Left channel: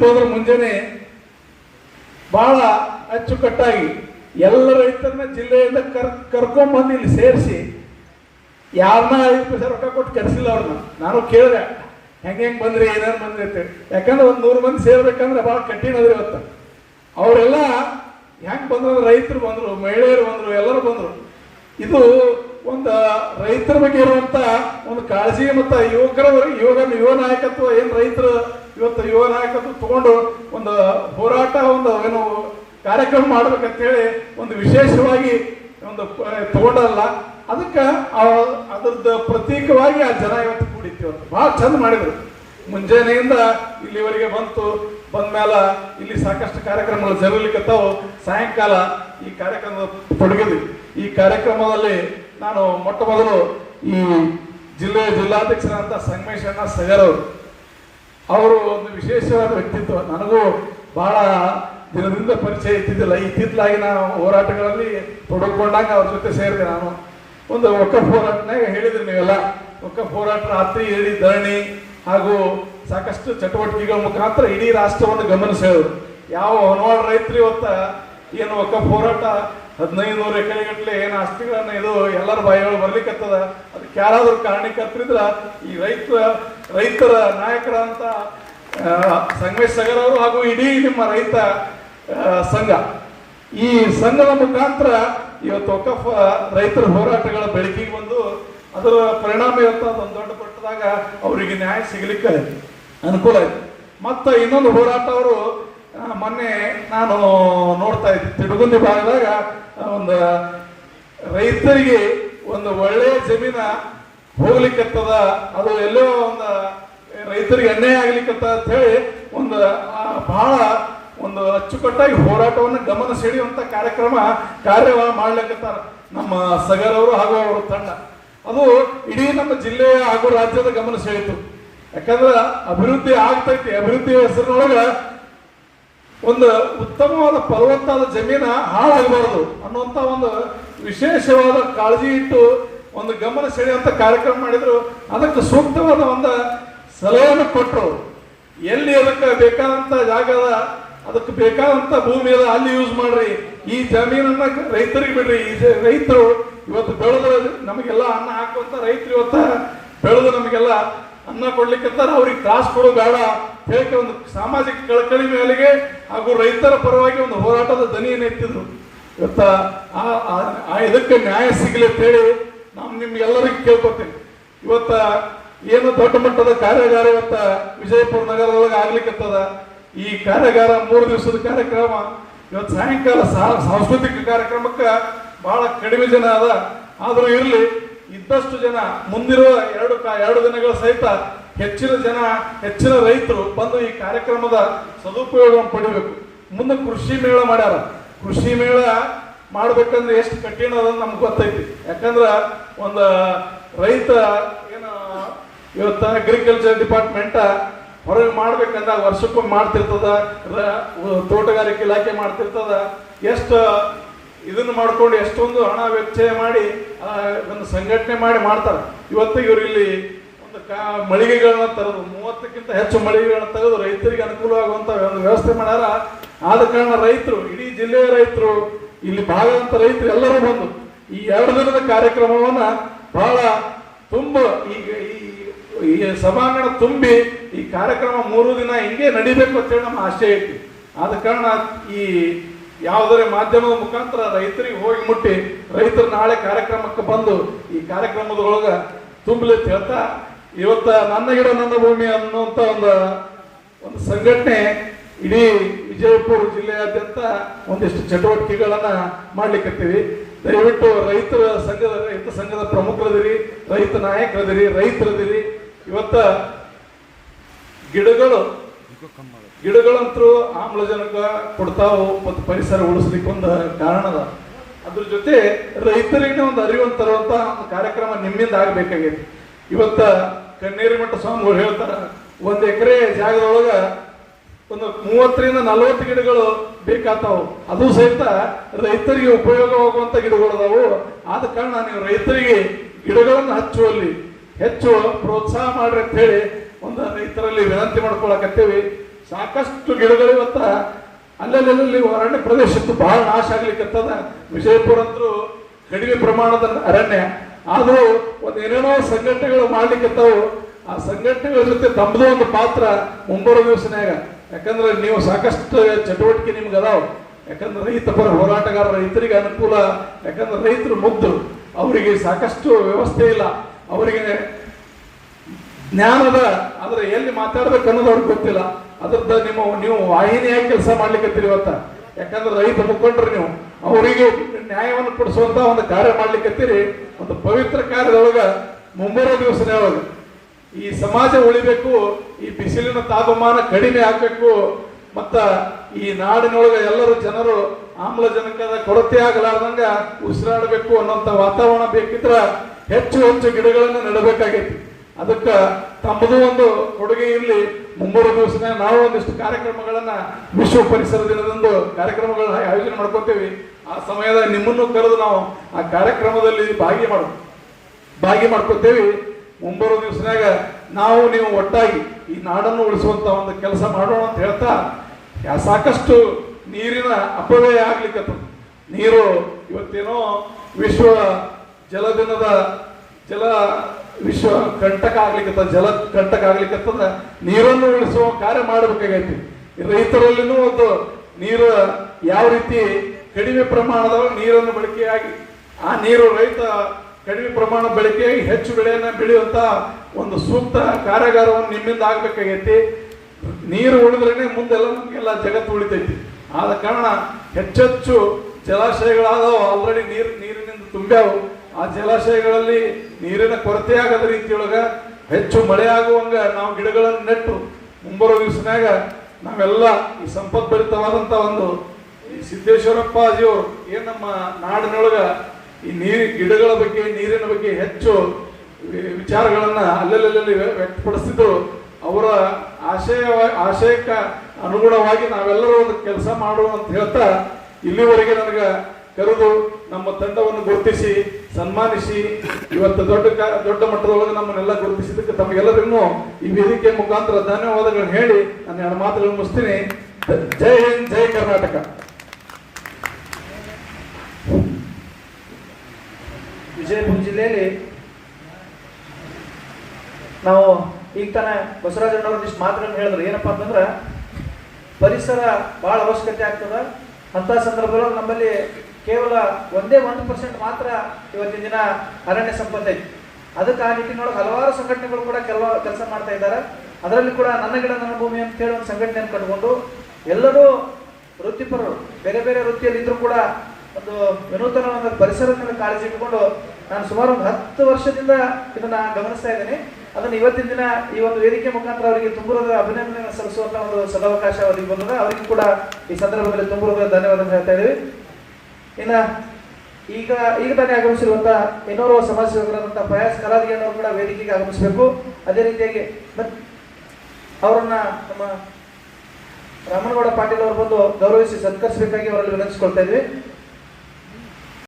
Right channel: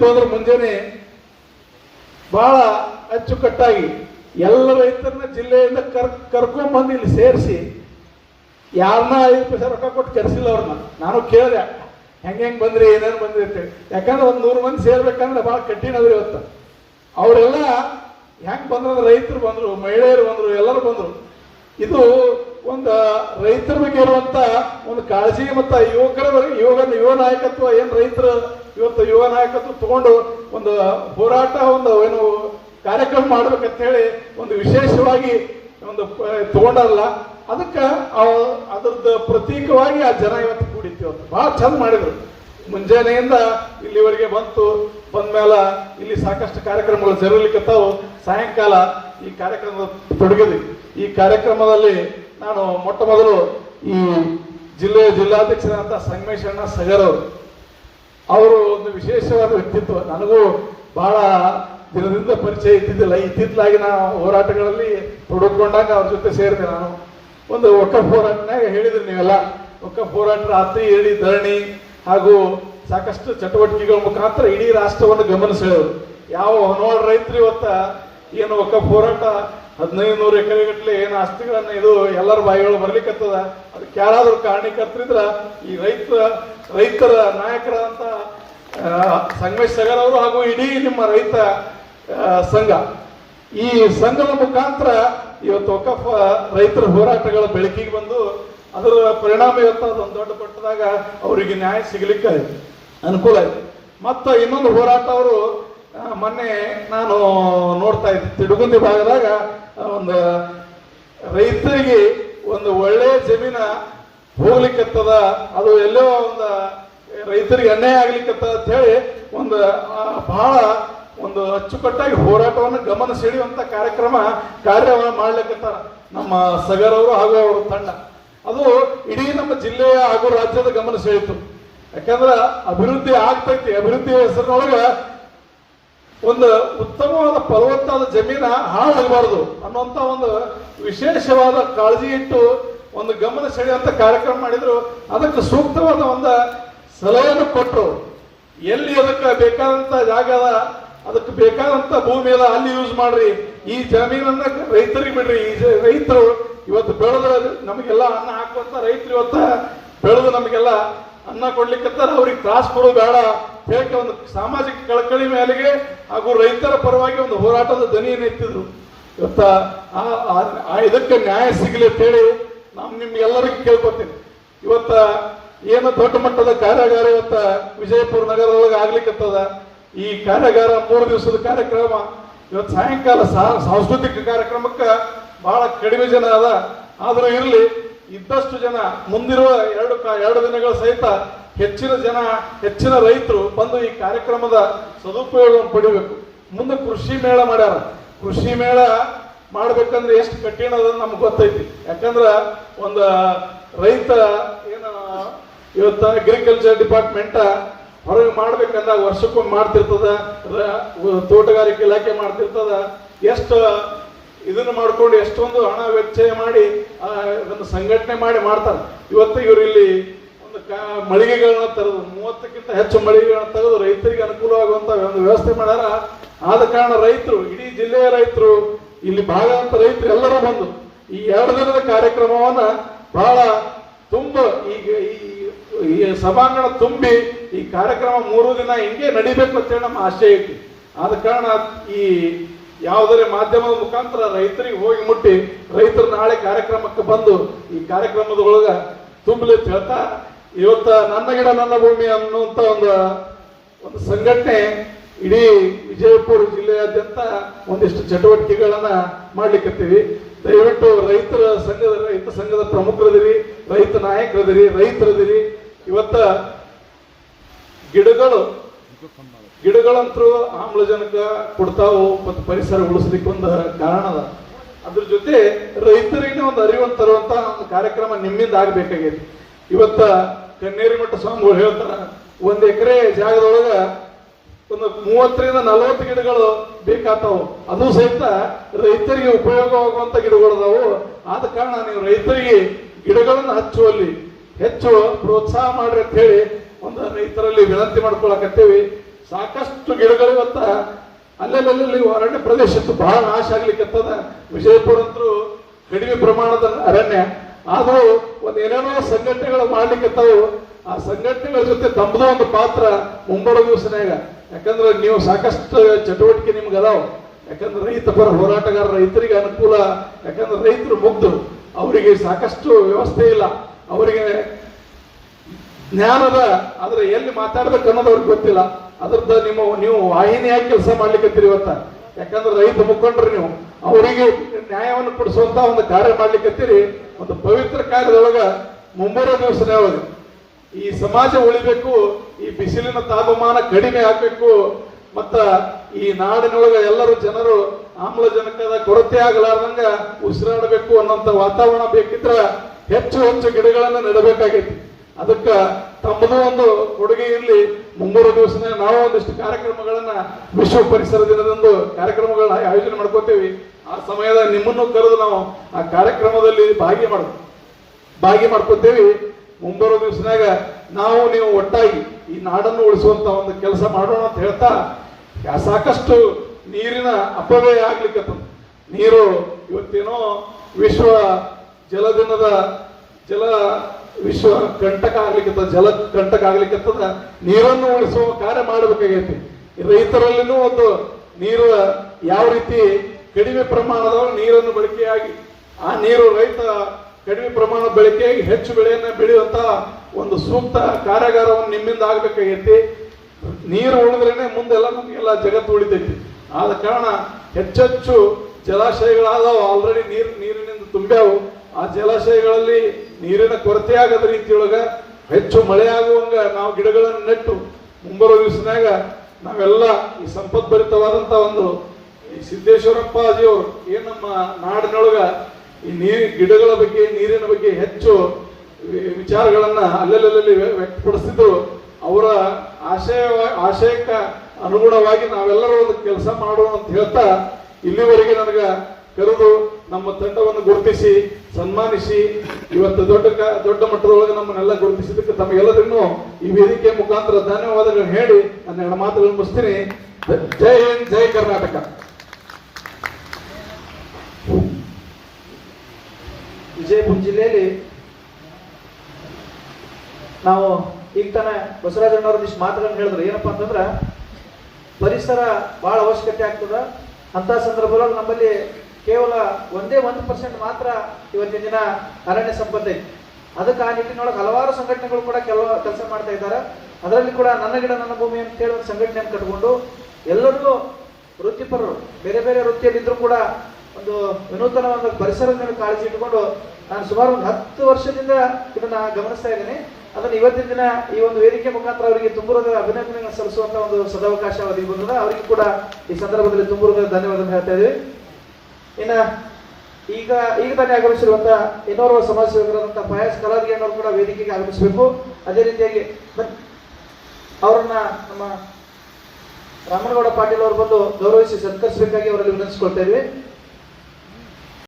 ಹೋದ್ರ ಮುಂಜಾನೆ ಬಹಳ ಅಚ್ಚುಕಟ್ಟಾಗಿ ಎಲ್ಲ ರೈತರನ್ನ ಜಿಲ್ಲೆಯಿಂದ ಕರ್ ಕರ್ಕೊಂಡ್ಬಂದು ಇಲ್ಲಿ ಸೇರಿಸಿ ಯಾರನ್ನ ಐದು ಪೈಸೆ ರೊಕ್ಕ ಕೊಟ್ಟು ಕರೆಸಿಲ್ಲ ಅವ್ರನ್ನ. ನಾನು ಕೇಳಿದೆ, ಹೆಂಗೆ ಹೆಂಗೆ ಬಂದ್ರಿ ಏನಾರು ಬಂದ್ರಿ ಯಾಕಂದ್ರೆ ಒಂದು ನೂರು ಮಂದಿ ಸೇರ್ಬೇಕಂದ್ರೆ ಭಾಳ ಕಠಿಣ ಅದ್ರಿ ಇವತ್ತು. ಅವರೆಲ್ಲ ಹೆಂಗೆ ಬಂದ್ರೆ ರೈತರು ಬಂದರು, ಮಹಿಳೆಯರು ಬಂದರು, ಎಲ್ಲರೂ ಬಂದರು. ಇದು ಒಂದು ರೈತರ ಬಗ್ಗೆ ಇರುವಂತ ಒಂದು ಕಾಳಜಿ ಮತ್ತು ಯುವಕರ ಯುವ ಯುವ ನಾಯಕತ್ವ ಏನು ರೈತರು ಇವತ್ತು ಯುವ ನಾಯಕತ್ವ ತಗೊಂಡು ಒಂದು ಹೋರಾಟ, ಒಂದು ಏನು ಕಾರ್ಯಕ್ರಮ ಮಾಡ್ಬೇಕಂತ ಹೇಳಿ ಒಂದು ವಿಶೇಷವಾಗಿ ಒಂದು ತಗೊಂಡಲ್ಲ, ಅದಕ್ಕೆ ಅದ್ರದ್ದು ಪ್ರತೀಕವಾಗಿ ಆ ಜನ ಇವತ್ತು ಕೂಡಿತ್ತು ಭಾಳ ಚಂದ ಮಾಡಿದ್ರು. ಮುಂಜಾನೆಯಿಂದ ಇಲ್ಲಿವರೆಗೆ ಬಂತು ಬಂದ ಮೇಲೆ ಇಲ್ಲಿ ಸಾಕಷ್ಟು ಕಾರ್ಯಕ್ರಮಗಳು ಜರಲಿಕ್ಕತ್ತಾವು ಸಾಯಂಕಾಲ ಈ ಕಾರ್ಯಕ್ರಮದ ತೊಡಗಿದ್ವಿ. ಈ ಕಾರ್ಯಕ್ರಮದಲ್ಲಿ ನಾನು ಮೊಟ್ಟ ಮೊದಲು ಈ ಜಿಲ್ಲೆಯ ಜಿಲ್ಲಾಧ್ಯಕ್ಷರಾದಂಥ ಸಂಗಮೇಶ್ ಅಣ್ಣ ಸಗರ್ ಅವರು ಅವರು ಒಂದು ವಿಶೇಷವಾದ ವ್ಯಕ್ತಿತ್ವ. ನನಗೂ ಬಹಳ ದಿನದಿಂದ ಪರಿಚಯ ಇದ್ದಿದ್ದಿಲ್ಲ. ಇತ್ತಿತ್ತಲಾಗಿ ನಾ ಹೋರಾಟಗಳಲ್ಲಿ ತೊಡಕೊಂಡಾಗ ಅವ್ರ ಜೊತೆ ಸೇರಿದೆ ನಾನು. ಒಂದು ಒಕ್ಕಫ್ ಹೋರಾಟನಾಗ ಹೇಳಿದ್ರಿ ನೀವೆಲ್ಲ. ಒಕ್ಕ ಹೋರಾಟ ರಾತ್ರಿ ಇಡೀ ಧರಣಿ ಹಾಗೂ ಸಾಕಷ್ಟು ಚಟುವಟಿಕೆಗಳ ಮುಖಾಂತರ ಇಡೀ ರಾಷ್ಟ್ರವನ್ನು ಗಮನಿಸಿದರು ಯಾವ ಹೊನವಾಡ ರೈತರು ಇವತ್ತ ಏನು ಒಕ್ಕ ಹೋರಾಟ ಹದಿನೈದು ನೂರು ಎಕರೆಗಟ್ಟಲೆ ಏನು ಆಸ್ತಿಗಳನ್ನು ಇದು ಎಲ್ಲರ ಬಾಯಿಗಳು ಬರ್ಲಿಕ್ಕತ್ತದ? ಅದಕ್ಕೆ ಯಾರಾದ್ರೂ ಕಾರಣೀಕರ್ತರಿದ್ರ ಈ ರೈತ ರೈತರ ನಾಯಕರ ಅಂತ ಸಂಗಮೇಶ್ ಸಗರ್ ಅವರು ಹಾಗೂ ಇಡೀ ನಿಮ್ಮ ರೈತ ಸಂಘ. ಈ ಸಂಘದ ಮುಖಾಂತರ ಇವತ್ತು ಒಕ್ಕಫ್, ರೈತರ ಹೋರಾಟಗಳ ಬೆಳಕಿಗೆ ಬಂದು ಅದರ ಪರಿಣಾಮ ಇವತ್ತು ಅದೊಂದು ದೊಡ್ಡ ಪಟ್ಟದಾಗ ಅವರಿಗೆ ನ್ಯಾಯ ಸಿಗಲಿಕ್ಕೆ ಅನುಕೂಲ ಆಯ್ತು. ಮತ್ತು ಇನ್ನೊಂದು ಹೋರಾಟ ಅವರು ಮೊನ್ನೆ ನಾನು ನೋಡ್ತಾ ಇದ್ದೆ. ತಿಡುಗುಂದಿ ಭಾಗದಾಗ ಒಂದು ರೈತರಿಗೆ ಒಂದು ಒಳ್ಳೆ ಜಮೀನ ಹೋಗ್ಲಿಕ್ಕತ್ತದ, ಅದು ಎಲ್ಲೋ ಒಂದು ರೈತರಿಗೆ ಅನ್ಯಾಯ ಆಗ್ಲಿಕ್ಕತ್ತದ ಅಂತ ಹೇಳಿ ಒಂದು ಬಹಳ ಒಂದು ಅಚ್ಚುಕಟ್ಟಾಗಿ ಹೋರಾಟವನ್ನು ಗಮನ ಸೆಳೆಯುವಂತ ಕಾರ್ಯಕ್ರಮ, ಕಾರ್ಯವನ್ನು ಮಾಡ್ಲಿಕ್ಕತ್ತಾರ. ನಮ್ಮ ಸಗರವರು ಹಾಗೂ ಅವರ ತಂಡ. ಅದು ಇಡೀ ನಮ್ಮ ಜಿಲ್ಲೆಯ ಹಾಗೂ ರಾಜ್ಯದ ಗಮನ ಸೆಳೀತು ಯಾಕಂದ್ರೆ ಅಭಿವೃದ್ಧಿ ಆಗ್ತೈತಿ. ಅಭಿವೃದ್ಧಿ ಹೆಸರಿನೊಳಗೆ ಒಂದು ಉತ್ತಮವಾದ ಫಲವತ್ತಾದ ಜಮೀನ ಹಾಳಾಗಬಾರದು ಅನ್ನುವಂತ ಒಂದು ವಿಶೇಷವಾದ ಕಾಳಜಿ ಇಟ್ಟು ಒಂದು ಗಮನ ಸೆಳೆಯುವಂತ ಕಾರ್ಯಕ್ರಮ ಮಾಡಿದ್ರು. ಅದಕ್ಕೆ ಸೂಕ್ತವಾದ ಒಂದು ಸಲಹೆಯನ್ನು ಕೊಟ್ಟರು ಎಲ್ಲಿ ಅದಕ್ಕೆ ಬೇಕಾದಂತ ಜಾಗ ಅದ, ಅದಕ್ಕೆ ಬೇಕಾದಂತ ಭೂಮಿ ಅದ, ಅಲ್ಲಿ ಯೂಸ್ ಮಾಡ್ರಿ. ಈ ಜಮೀನನ್ನ ರೈತರಿಗೆ ಬಿಡ್ರಿ. ಈ ರೈತರು ಇವತ್ತು ಬೆಳೆದ ನಮಗೆಲ್ಲ ಅನ್ನ ಹಾಕುವಂತ ರೈತರು ಇವತ್ತ ಬೆಳೆದು ನಮಗೆಲ್ಲ ಅನ್ನ ಕೊಡ್ಲಿಕ್ಕೆ ಅವ್ರಿಗೆ ತ್ರಾಸ ಕೊಡೋದು ಬೇಡ ಹೇಗೆ ಒಂದು ಸಾಮಾಜಿಕ ಕಳಕಳಿ ಮೇಲೆಗೆ ಹಾಗೂ ರೈತರ ಪರವಾಗಿ ಒಂದು ಹೋರಾಟದ ಧ್ವನಿಯನ್ನು ಎತ್ತಿದ್ರು. ಇವತ್ತ ಆ- ಇದಕ್ಕೆ ನ್ಯಾಯ ಸಿಗಲಿ ಅಂತ ಹೇಳಿ ನಿಮ್ಮ ಎಲ್ಲರಿಗೂ ಕೇಳ್ಕೊತೀನಿ ಇವತ್ತ ಏನು ದೊಡ್ಡ ಮಟ್ಟದ ಕಾರ್ಯಾಗಾರ ಇವತ್ತ ವಿಜಯಪುರ ನಗರದೊಳಗೆ ಆಗ್ಲಿಕ್ಕತ್ತದ ಈ ಕಾರ್ಯಾಗಾರ ಮೂರು ದಿವಸದ ಕಾರ್ಯಕ್ರಮ, ಇವತ್ತು ಸಾಯಂಕಾಲ ಸಾಂಸ್ಕೃತಿಕ ಕಾರ್ಯಕ್ರಮಕ್ಕೆ ಬಹಳ ಕಡಿಮೆ ಜನ ಅದ. ಆದರೂ ಇರಲಿ, ಇದ್ದಷ್ಟು ಜನ ಮುಂದಿರುವ ಎರಡು ಎರಡು ದಿನಗಳ ಸಹಿತ ಹೆಚ್ಚಿನ ಜನ, ಹೆಚ್ಚಿನ ರೈತರು ಬಂದು ಈ ಕಾರ್ಯಕ್ರಮದ ಸದುಪಯೋಗವನ್ನು ಪಡಿಬೇಕು. ಮುಂದೆ ಕೃಷಿ ಮೇಳ ಮಾಡ್ಯಾರ. ಕೃಷಿ ಮೇಳ ಮಾಡ್ಬೇಕಂದ್ರೆ ಎಷ್ಟು ಕಠಿಣ ಅದ ನಮ್ಗೆ ಗೊತ್ತೈತಿ. ಯಾಕಂದ್ರೆ ಒಂದು ರೈತ ಏನು ಇವತ್ತು ಅಗ್ರಿಕಲ್ಚರ್ ಡಿಪಾರ್ಟ್ಮೆಂಟ್ ಹೊರಗೆ ಮಾಡ್ಬೇಕಂದ್ರೆ ವರ್ಷಕ್ಕೊಮ್ಮೆ ಮಾಡ್ತಿರ್ತದ ತೋಟಗಾರಿಕೆ ಇಲಾಖೆ ಮಾಡ್ತಿರ್ತದ, ಎಷ್ಟು ಇದನ್ನ ಮಾಡ್ಕೊಂಡು ಎಷ್ಟೊಂದು ಹಣ ವೆಚ್ಚ ಮಾಡಿ ಒಂದು ಸಂಘಟನೆ ಮಾಡಿ ಮಾಡ್ತಾರೆ. ಇವತ್ತು ಇವರು ಇಲ್ಲಿ ಒಂದು ಕಾ, ಮಳಿಗೆಗಳನ್ನ ತರದು, ಮೂವತ್ತಕ್ಕಿಂತ ಹೆಚ್ಚು ಮಳಿಗೆಗಳನ್ನ ತೆಗೆದು ರೈತರಿಗೆ ಅನುಕೂಲವಾಗುವಂತ ಒಂದು ವ್ಯವಸ್ಥೆ ಮಾಡ್ಯಾರ. ಆದ ಕಾರಣ ರೈತರು, ಇಡೀ ಜಿಲ್ಲೆಯ ರೈತರು ಇಲ್ಲಿ ಭಾಗವಂತ ರೈತರು ಎಲ್ಲರೂ ಬಂದು ಈ ಎರಡು ದಿನದ ಕಾರ್ಯಕ್ರಮವನ್ನ ಬಹಳ ತುಂಬ ಈಗ ಈ ಸಭಾಂಗಣ ತುಂಬಿ ಈ ಕಾರ್ಯಕ್ರಮ ಮೂರು ದಿನ ಹಿಂಗೆ ನಡಿಬೇಕು ಅಂತೇಳಿ ನಮ್ಮ ಆಶೆ ಐತಿ. ಆದ ಕಾರಣ ಈ ಯಾವುದರ ಮಾಧ್ಯಮದ ಮುಖಾಂತರ ರೈತರಿಗೆ ಹೋಗಿ ಮುಟ್ಟಿ ರೈತರು ನಾಳೆ ಕಾರ್ಯಕ್ರಮಕ್ಕೆ ಬಂದು ಈ ಕಾರ್ಯಕ್ರಮದ ಒಳಗ ತುಂಬಲಿ ಅಂತ ಹೇಳ್ತಾ, ಇವತ್ತ ನನ್ನ ಗಿಡ ನನ್ನ ಭೂಮಿ ಅನ್ನುವಂಥ ಒಂದು ಒಂದು ಸಂಘಟನೆ ಇಡೀ ವಿಜಯಪುರ ಜಿಲ್ಲೆಯಾದ್ಯಂತ ಒಂದಿಷ್ಟು ಚಟುವಟಿಕೆಗಳನ್ನ ಮಾಡ್ಲಿಕ್ಕತ್ತೀವಿ ದಯವಿಟ್ಟು ರೈತರ ಸಂಘದ, ರೈತ ಸಂಘದ ಪ್ರಮುಖರದಿರಿ, ರೈತ ನಾಯಕರದಿರಿ, ರೈತರದಿರಿ. ಇವತ್ತ ಗಿಡಗಳು ಗಿಡಗಳಂತರೂ ಆಮ್ಲಜನಕ ಕೊಡ್ತಾವು ಮತ್ತು ಪರಿಸರ ಉಳಿಸ್ಲಿಕ್ಕೆ ಒಂದು ಕಾರಣ ಅದ. ಅದ್ರ ಜೊತೆ ರೈತರಿಗೆ ಒಂದು ಅರಿವನ್ನು ತರುವಂತ ಒಂದು ಕಾರ್ಯಕ್ರಮ ನಿಮ್ಮಿಂದ ಆಗ್ಬೇಕಾಗೈತಿ. ಇವತ್ತ ಕಣ್ಣೀರು ಮಠ ಸ್ವಾಮಿಗಳು ಹೇಳ್ತಾರ, ಒಂದ್ ಎಕರೆ ಜಾಗದೊಳಗ ಒಂದು ಮೂವತ್ತರಿಂದ ನಲವತ್ತು ಗಿಡಗಳು ಬೇಕಾಗ್ತಾವು. ಅದು ಸಹಿತ ರೈತರಿಗೆ ಉಪಯೋಗವಾಗುವಂತ ಗಿಡಗಳು ಅದಾವು. ಆದ ಕಾರಣ ನೀವು ರೈತರಿಗೆ ಗಿಡಗಳನ್ನು ಹಚ್ಚುವಲ್ಲಿ ಹೆಚ್ಚು ಪ್ರೋತ್ಸಾಹ ಮಾಡ್ರಿ ಅಂತ ಹೇಳಿ ಒಂದು ರೈತರಲ್ಲಿ ವಿನಂತಿ ಮಾಡ್ಕೊಳಕತ್ತೇವಿ. ಸಾಕಷ್ಟು ಗಿಡಗಳು ಇವತ್ತ ಅಲ್ಲಲ್ಲಿ ಅರಣ್ಯ ಪ್ರದೇಶ ಇತ್ತು ಬಹಳ ನಾಶ ಆಗ್ಲಿಕ್ಕತ್ತದ ವಿಜಯಪುರ ಅಂತರೂ ಕಡಿಮೆ ಪ್ರಮಾಣದ ಅರಣ್ಯ. ಆದರೂ ಒಂದು ಏನೇನೋ ಸಂಘಟನೆಗಳು ಮಾಡ್ಲಿಕ್ಕತ್ತಾವು ಆ ಸಂಘಟನೆಗಳ ಜೊತೆ ತಮ್ಮದೋ ಒಂದು ಪಾತ್ರ ಮುಂಬರುವ ದಿವಸನ್ಯಾಗ. ಯಾಕಂದ್ರೆ ನೀವು ಸಾಕಷ್ಟು ಚಟುವಟಿಕೆ ನಿಮ್ಗೆ ಅದಾವ. ಯಾಕಂದ್ರೆ ರೈತ ಪರ ಹೋರಾಟಗಾರ ರೈತರಿಗೆ ಅನುಕೂಲ, ಯಾಕಂದ್ರೆ ರೈತರು ಮುಗ್ಧರು. ಅವರಿಗೆ ಸಾಕಷ್ಟು ವ್ಯವಸ್ಥೆ ಇಲ್ಲ. ಅವರಿಗೆ ಜ್ಞಾನದ, ಆದ್ರೆ ಎಲ್ಲಿ ಮಾತಾಡ್ಬೇಕು ಅನ್ನೋದು ಅವ್ರಿಗೆ ಗೊತ್ತಿಲ್ಲ. ಅದ್ರದ್ದು ನಿಮ್ಮ, ನೀವು ವಾಹಿನಿಯಾಗಿ ಕೆಲಸ ಮಾಡ್ಲಿಕ್ಕೆ ಇವತ್ತ. ಯಾಕಂದ್ರೆ ರೈತ ಮುಖಂಡರು ನೀವು. ಅವರಿಗೆ ನ್ಯಾಯವನ್ನು ಕೊಡಿಸುವಂತ ಒಂದು ಕಾರ್ಯ ಮಾಡ್ಲಿಕ್ಕತ್ತೀರಿ ಒಂದು ಪವಿತ್ರ ಕಾರ್ಯದೊಳಗ ಮುಂಬರೋ ದಿವಸ ಒಳಗೆ ಈ ಸಮಾಜ ಉಳಿಬೇಕು, ಈ ಬಿಸಿಲಿನ ತಾಪಮಾನ ಕಡಿಮೆ ಆಗ್ಬೇಕು, ಮತ್ತ ಈ ನಾಡಿನೊಳಗ ಎಲ್ಲರೂ ಜನರು ಆಮ್ಲಜನಕದ ಕೊರತೆ ಆಗಲಾರ್ದಂಗ ಉಸಿರಾಡಬೇಕು ಅನ್ನೋಂಥ ವಾತಾವರಣ ಬೇಕಿದ್ರ ಹೆಚ್ಚು ಹೆಚ್ಚು ಗಿಡಗಳನ್ನು ನೆಡಬೇಕಾಗೈತಿ. ಅದಕ್ಕ ತಮ್ಮದು ಒಂದು ಕೊಡುಗೆ ಇರಲಿ. ಮುಂಬರುವ ದಿವಸನೇ ನಾವು ಒಂದಿಷ್ಟು ಕಾರ್ಯಕ್ರಮಗಳನ್ನ ವಿಶ್ವ ಪರಿಸರ ದಿನದಂದು ಕಾರ್ಯಕ್ರಮಗಳನ್ನ ಆಯೋಜನೆ ಮಾಡ್ಕೋತೇವಿ. ಆ ಸಮಯದಲ್ಲಿ ನಿಮ್ಮನ್ನು ಕರೆದು ನಾವು ಆ ಕಾರ್ಯಕ್ರಮದಲ್ಲಿ ಭಾಗಿ ಮಾಡ ಭಾಗಿ ಮಾಡ್ಕೋತೇವಿ. ಮುಂಬರುವ ದಿವಸನಾಗ ನಾವು ನೀವು ಒಟ್ಟಾಗಿ ಈ ನಾಡನ್ನು ಉಳಿಸುವಂತ ಒಂದು ಕೆಲಸ ಮಾಡೋಣ ಅಂತ ಹೇಳ್ತಾ ಸಾಕಷ್ಟು ನೀರಿನ ಅಪವ್ಯಯ ಆಗ್ಲಿಕ್ಕತ್ತ ನೀರು ಇವತ್ತೇನೋ ವಿಶ್ವ ಜಲ ದಿನದ ಜಲ ವಿಶ್ವ ಕಂಟಕ ಆಗ್ಲಿಕ್ಕತ್ತ, ಜಲ ಕಂಟಕ ಆಗ್ಲಿಕ್ಕತ್ತದ, ನೀರನ್ನು ಉಳಿಸುವ ಕಾರ್ಯ ಮಾಡಬೇಕಾಗೈತಿ. ರೈತರಲ್ಲಿನೂ ಒಂದು ನೀರು ಯಾವ ರೀತಿ ಕಡಿಮೆ ಪ್ರಮಾಣದ ನೀರನ್ನು ಬಳಕೆಯಾಗಿ, ಆ ನೀರು ರೈತ ಕಡಿಮೆ ಪ್ರಮಾಣ ಬಳಕೆಯಾಗಿ ಹೆಚ್ಚು ಬೆಳೆಯನ್ನು ಬೆಳೆಯುವಂತ ಒಂದು ಸೂಕ್ತ ಕಾರ್ಯಾಗಾರವನ್ನು ನಿಮ್ಮಿಂದ ಆಗ್ಬೇಕಾಗೈತಿ. ನೀರು ಉಳಿದ್ರೇ ಮುಂದೆಲ್ಲ ನಮಗೆಲ್ಲ ಜಗತ್ತು ಉಳಿತೈತಿ. ಆದ ಕಾರಣ ಹೆಚ್ಚೆಚ್ಚು ಜಲಾಶಯಗಳಾದವು ಆಲ್ರೆಡಿ ನೀರು, ನೀರಿನಿಂದ ತುಂಬ್ಯಾವು. ಆ ಜಲಾಶಯಗಳಲ್ಲಿ ನೀರಿನ ಕೊರತೆ ಆಗದ ರೀತಿಯೊಳಗ ಹೆಚ್ಚು ಮಳೆ ಆಗುವಂಗೆ ನಾವು ಗಿಡಗಳನ್ನು ನೆಟ್ಟು, ಮುಂಬರುವ ದಿವಸನಾಗ ನಾವೆಲ್ಲ ಈ ಸಂಪದ್ಭರಿತವಾದಂತ ಒಂದು ಸಿದ್ದೇಶ್ವರಪ್ಪ ಅಜಿಯವರು ಏನ್ ನಮ್ಮ ನಾಡಿನೊಳಗ ಈ ನೀರಿ ಗಿಡಗಳ ಬಗ್ಗೆ, ನೀರಿನ ಬಗ್ಗೆ ಹೆಚ್ಚು ವಿಚಾರಗಳನ್ನು ವಿಚಾರಗಳನ್ನ ಅಲ್ಲಲ್ಲಿ ವ್ಯಕ್ತಪಡಿಸಿದ್ದು ಅವರ ಆಶಯ ಆಶಯಕ್ಕೆ ಅನುಗುಣವಾಗಿ ನಾವೆಲ್ಲರೂ ಒಂದು ಕೆಲಸ ಮಾಡುವ ಅಂತ ಹೇಳ್ತಾ ಇಲ್ಲಿವರೆಗೆ ನನಗೆ ಕರೆದು ನಮ್ಮ ತಂಡವನ್ನು ಗುರುತಿಸಿ, ಸನ್ಮಾನಿಸಿ, ಇವತ್ತು ದೊಡ್ಡ ದೊಡ್ಡ ಮಟ್ಟದೊಳಗೆ ನಮ್ಮನ್ನೆಲ್ಲ ಗುರುತಿಸಿದ್ದಕ್ಕೆ ತಮಗೆಲ್ಲರಿಗೂ ಈ ವೇದಿಕೆ ಮುಖಾಂತರ ಧನ್ಯವಾದಗಳನ್ನು ಹೇಳಿ ನನ್ನ ಎರಡು ಮಾತುಗಳನ್ನು ಮುಗಿಸ್ತೀನಿ. ಜೈ ಹಿಂದ್, ಜೈ ಕರ್ನಾಟಕ. ವಿಜಯಪುರ ಜಿಲ್ಲೆಯಲ್ಲಿ ನಾವು ಈಗ ತಾನೇ ಬಸವರಾಜಣ್ಣವ್ರ ಇಷ್ಟು ಮಾತ್ರ ಹೇಳಿದ್ರು. ಏನಪ್ಪಾ ಅಂತಂದ್ರ ಪರಿಸರ ಬಹಳ ಅವಶ್ಯಕತೆ ಆಗ್ತದ. ಅಂತ ಸಂದರ್ಭದಲ್ಲಿ ನಮ್ಮಲ್ಲಿ ಕೇವಲ ಒಂದೇ ಒಂದು ಪರ್ಸೆಂಟ್ ಮಾತ್ರ ಇವತ್ತಿನ ದಿನ ಅರಣ್ಯ ಸಂಪತ್ತು ಐತಿ. ಅದಕ್ಕೆ ಆ ನಿಟ್ಟಿನೊಳಗೆ ಹಲವಾರು ಸಂಘಟನೆಗಳು ಕೂಡ ಕೆಲವ ಕೆಲಸ ಮಾಡ್ತಾ ಇದ್ದಾರೆ. ಅದರಲ್ಲಿ ಕೂಡ ನನ್ನ ಗಿಡ ನನ್ನ ಭೂಮಿ ಅಂತ ಹೇಳಿ ಒಂದು ಸಂಘಟನೆಯನ್ನು ಕಟ್ಕೊಂಡು ಎಲ್ಲರೂ ವೃತ್ತಿಪರರು, ಬೇರೆ ಬೇರೆ ವೃತ್ತಿಯಲ್ಲಿದ್ದರೂ ಕೂಡ ಒಂದು ವಿನೂತನ ಒಂದು ಪರಿಸರದ ಮೇಲೆ ಕಾಳಜಿ ಇಟ್ಟುಕೊಂಡು ನಾನು ಸುಮಾರು ಒಂದು ಹತ್ತು ವರ್ಷದಿಂದ ಇದನ್ನ ಗಮನಿಸ್ತಾ ಇದ್ದೀನಿ. ಅದನ್ನು ಇವತ್ತಿನ ದಿನ ಈ ಒಂದು ವೇದಿಕೆ ಮುಖಾಂತರ ಅವರಿಗೆ ತುಂಬುರದ ಅಭಿನಂದನೆ ಸಲ್ಲಿಸುವಂತ ಒಂದು ಸದಾವಕಾಶ ಅವರಿಗೆ ಬಂದದ. ಅವರಿಗೂ ಕೂಡ ಈ ಸಂದರ್ಭದಲ್ಲಿ ತುಂಬುರದ ಧನ್ಯವಾದ ಹೇಳ್ತಾ ಇದೀವಿ ಇನ್ನ ಈಗ ಈಗ ತಾನೇ ಆಗಮಿಸಿರುವಂತ ಇನ್ನೋರ್ವ ಸಮಾಜ ಸೇವಕರಾದಂತಹ ಪಯಾಸ್ ಕಲಾದಿಯಣ್ಣವರು ಕೂಡ ವೇದಿಕೆಗೆ ಆಗಮಿಸಬೇಕು. ಅದೇ ರೀತಿಯಾಗಿ ಅವರನ್ನ ನಮ್ಮ ರಾಮನಗೌಡ ಪಾಟೀಲ್ ಅವರು ಬಂದು ಗೌರವಿಸಿ ಸತ್ಕರಿಸಬೇಕಾಗಿ ಅವರಲ್ಲಿ ವಿನಂತಿಸ್ಕೊಳ್ತಾ ಇದ್ವಿ.